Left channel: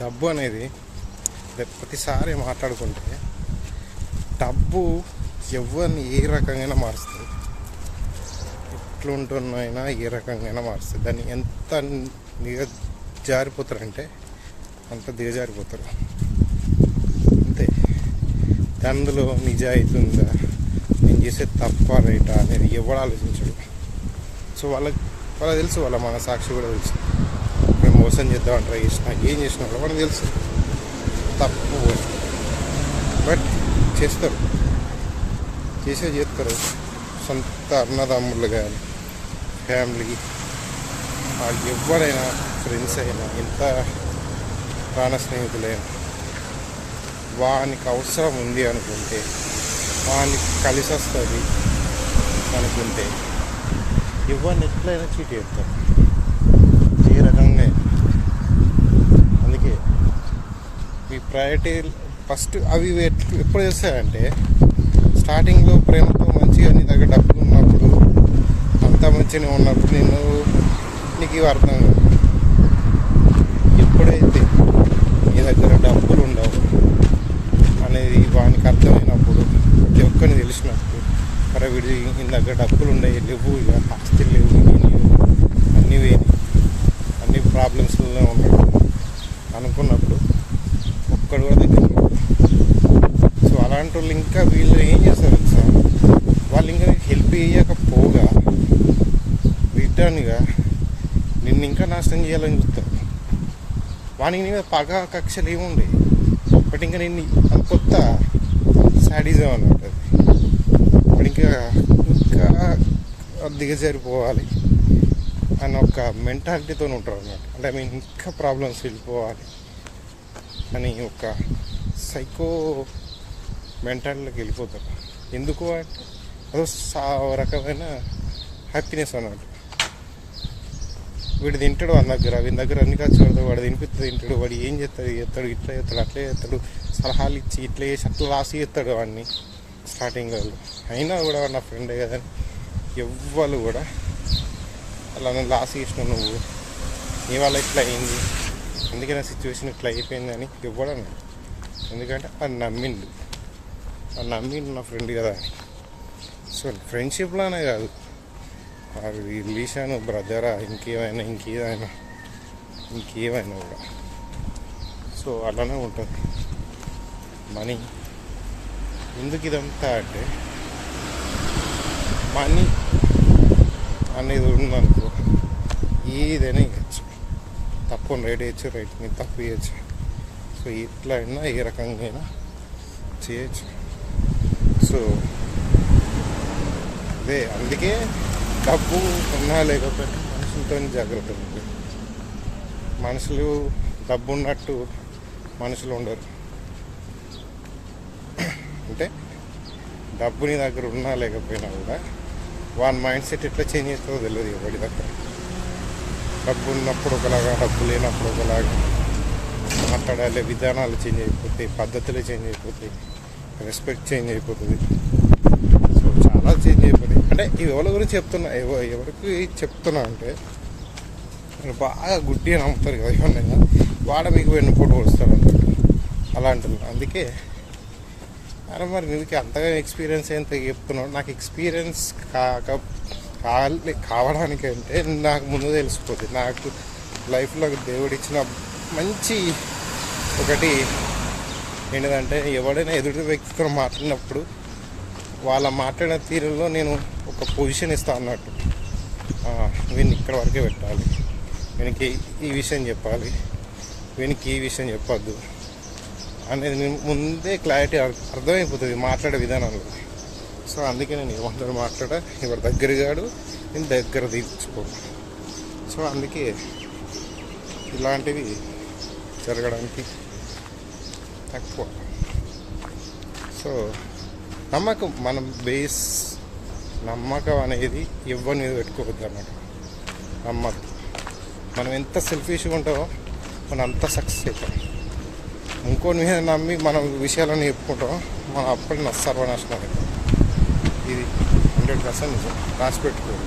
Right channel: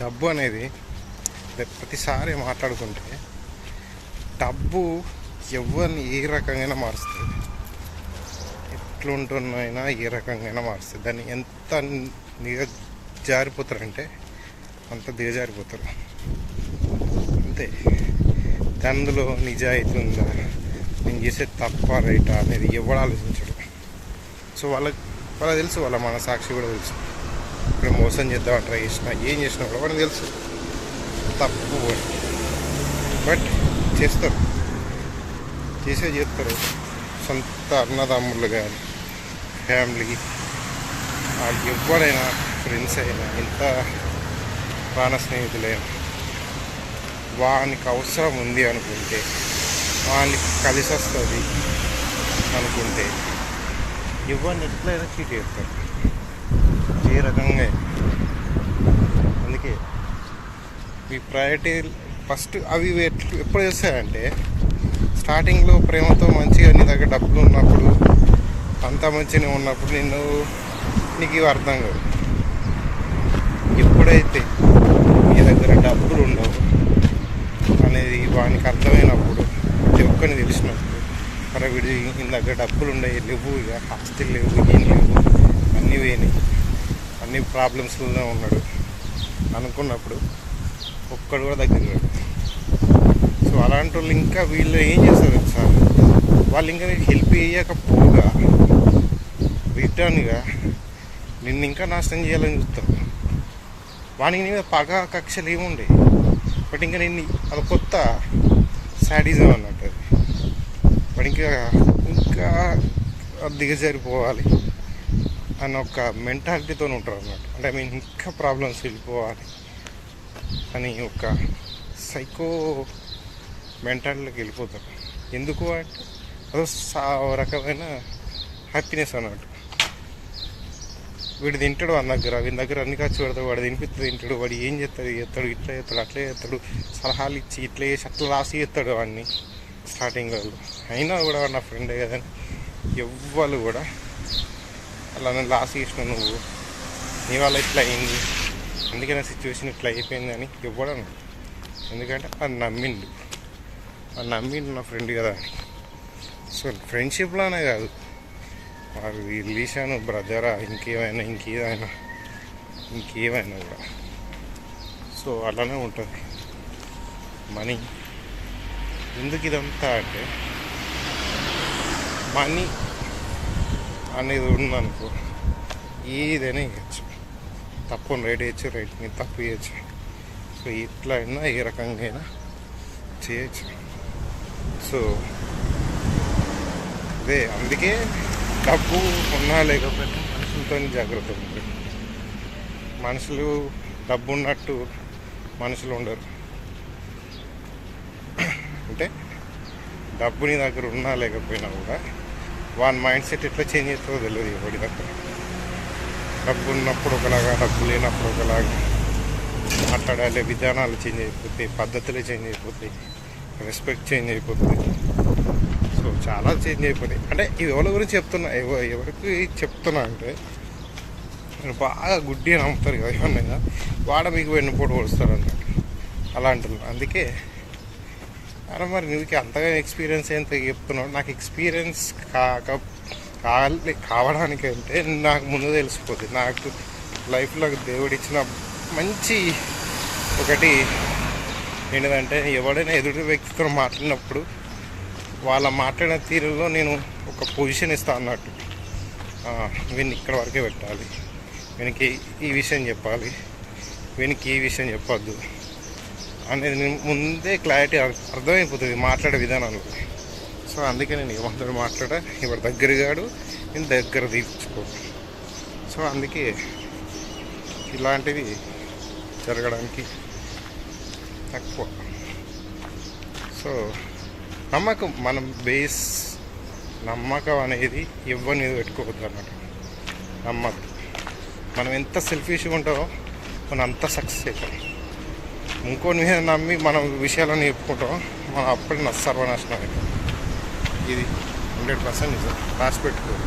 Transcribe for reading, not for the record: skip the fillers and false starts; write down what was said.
డబ్బు అనేది ప్రతిసారి మాట్లాడుకుంటే డబ్బు ఎవరిని ఏ రకంగా మారుస్తుంది, ఎట్లుంటున్నైనా ఏ రకంగా మారుస్తుంది. దాన్ని ఎంత దిగజారిపోతారంటే అంత దిగజారిపోతారు అంతే. అందులో నిజాయితీ ఉందా, నేను చేసే తప్ప రైటా అనేది ఎవడు ఆలోచించడు. సో వాళ్ళకి తెలుసు, వాళ్ళ మన సాక్షి కూడా తెలుసు. మేము మోసం చేద్దామని ట్రై చేసినా ఏం చేసినా కూడా వాళ్ళకి తెలుసు తప్పు, బట్ చేస్తారు, చేస్తారు. సొంత అన్నదమ్ములు కానీ ఫ్యామిలీ ఎవరైనా, ఫ్రెండ్స్ అయినా, ఎంత ప్రాణ స్నేహితులైనా వానికి అవసరం ఉంది అనుకుంటే, వానికి కలిసి వస్తుంది అనుకుంటే ఎవరిని ఎట్లయినా చీట్ చేస్తారు ఏ రకంగా. అందుకే ఈ ప్రయారిటీ ఫస్ట్ అవి ఎప్పుడు చేస్తాయంటే, స్టార్టింగ్లో ప్రేమతో మంచిగా నీ దగ్గర డబ్బులు ఉన్నప్పుడు, అంతా మంచిగానే ఉన్నప్పుడు నీకు ఇవి అర్థం కాదు. ఎప్పుడైతే నీ దగ్గర డబ్బులు ఉండవు అనేది వానికి అర్థమైనప్పుడు, ప్రతి ఒక్కరిని తెలిసినప్పుడు, మరి వీడి నీ దగ్గర డబ్బులు ఉండవు, లేవు, ఇక హాస్టల్ లేవు, ఏం లేవు, అన్నీ వేయని, అన్ని ప్రాబ్లమ్స్లోనే ఉన్నాడు అనుకున్నప్పుడు ఒక్కడు కూడా దగ్గర లేడు. సో అలాంటి వాళ్ళు ఇంకా వీళ్ళు ఏం చేస్తారు సార్, వాళ్ళు ఇంకా హెల్ప్ చేయకపోగా రిటర్న్గా నిన్ను ఇంకా నాశనం చేయాలని చూస్తారు. వానికి నీ మీద పగ కక్షలు ఏముండే, బట్ ఇంకా నేను కొత్త సాడిజం అన్నట్టు. వాడు ఇంకా దిగజారిపోవాలి అన్న ఒక మెంటాలిటీతో ఉంటారు అన్నమాట. అంటే ఇంకా ప్రాబ్లమ్స్ వెళ్ళిపోవాలి అని ఒక సైకో మెంటాలిటీలోకి వెళ్ళిపోతారు. ఎందుకు అంటే అదో రకమైన హ్యాపీనెస్ అన్నట్టు. వీడు తింటాడు వాడి దగ్గర అన్ని ఖర్చు పెడతాడు, వాడు తింటాడు, వాడు ఏం చేస్తాడు, ఇట్లా చేస్తాడు, అట్లా చేస్తాడు, సలహాలు ఇచ్చి ఇట్లా చేసి అట్లా రాసి చేస్తాడు వాడిని స్టార్టింగ్ వాళ్ళు. అయినా కూడా వాడు నా ఫ్రెండే కదని ఎవ్వరు కూడా అలా నన్ను లాస్ చేసిన, నువ్వు నీ వల్ల ఇట్లా అయింది, అందుకే నా సిచ్యువేషన్ ఇట్లా అయిపోయింది అని ఎవ్వడు అన్నాడు. ఎందుకంటే అది నమ్మిండు నా ఫ్రెండ్ కదా. సో ఫ్రెండ్షిప్లోనే కాదు, రిలేషన్, బ్రదరా, ఇంకేమైనా కూడా. సో అలానే ఉంటుంది మనీ. ఎందుకు ఇదంతా అంటే, మనీ అనేది ఉందనుకో ఏదైనా ఇవ్వచ్చు, తప్పుని రైట్ చేయొచ్చు, రైట్ని తప్పు చేయొచ్చు. సో ఇట్లా అయినా ఏ రకంగా అయినా చేయొచ్చు. సో అదే, అందుకే డబ్బు ఉన్నా లేకపోయినా మనుషులతో జాగ్రత్త ఉంది. మనుషులు డబ్బు ఉన్నట్టు మనుషులు ఉండరు. అంటే డబ్బు నీ దగ్గర ఉన్నా లేకపోయినా కూడా వాని మైండ్ సెట్ ఎట్లా చేంజ్ అవుతుందో తెలియదు ఎవరి దగ్గర. డబ్బు ఉన్నప్పుడు ఒకలాగా, డబ్బు లేనప్పుడు ఒకలాగా మాట్లాడాలి, విధానాలు చేంజ్ అయిపోతాయి, పద్ధతులు చేంజ్ అయిపోతాయి, రెస్పెక్ట్ చేంజ్ అయిపోతుంది. సో చాలా చేంజ్ అయిపోతాయి. అంటే ఇది ఎవరి గురించి చెప్తున్నా, ఎవరికి చెప్తున్నా అంటే, మీరు బాగా గుడ్డిగా నమ్ముతారు కదా ఏమన్నా, వాడ మీకు వెన్నుపోటు కొడుస్తారు అన్నట్టు అలాంటి. అందుకే అరే మరి నీకు అంతగా ఎక్స్పీరియన్స్ ఎంత చెప్తున్నావు, నాకు ఎక్స్పీరియన్స్ కావడానికి అంటే నాకు ముందు తెలిసిపోతుంది. నాకు లైఫ్లో దేవుడిచ్చిన మంచి ఒకటి ఏంటంటే, ఎవడైనా ఎదుటి వ్యక్తితో మాట్లాడినప్పుడు వాళ్ళ మాట్లాడిన తీరులో నేను ఒక పొజిషన్ ఇస్తాను అన్నట్టు. వీడిని ఇక్కడ వరకే పెట్టాలి, వీనికి ఈ విషయం చెప్పాలి, వీనికి ఈ విషయం చెప్పొద్దు అనేది నేను ముందే క్లారిటీ అర్థమైపోతుంది మాట్లాడే విధానంలో. సో అందుకే నేను ఏమంటాడు మాట్లాడా, ఎవరి దగ్గర కాడు, నేను దగ్గర తీర్చుకోను. సో అందుకే ఇలాంటివి జరగడానికి తక్కువ. సో నమ్మకం, మనం నమ్మకం అనేది ఎవరి మీద పెట్టుకోవద్దు అన్నట్టు. నమ్మద్దు. మనం ఎంత సెల్ఫిష్గా ఉంటామో మనం అంత సక్సెస్ అవుతాం. ఇంకోటి మీద నమ్మి మన విషయాలను చెప్పుకుంటాం, మనం అప్పటికి సర్వనాశనం అవుతాం. ఇది 100% నిజం, రాసి పెట్టుకోరు.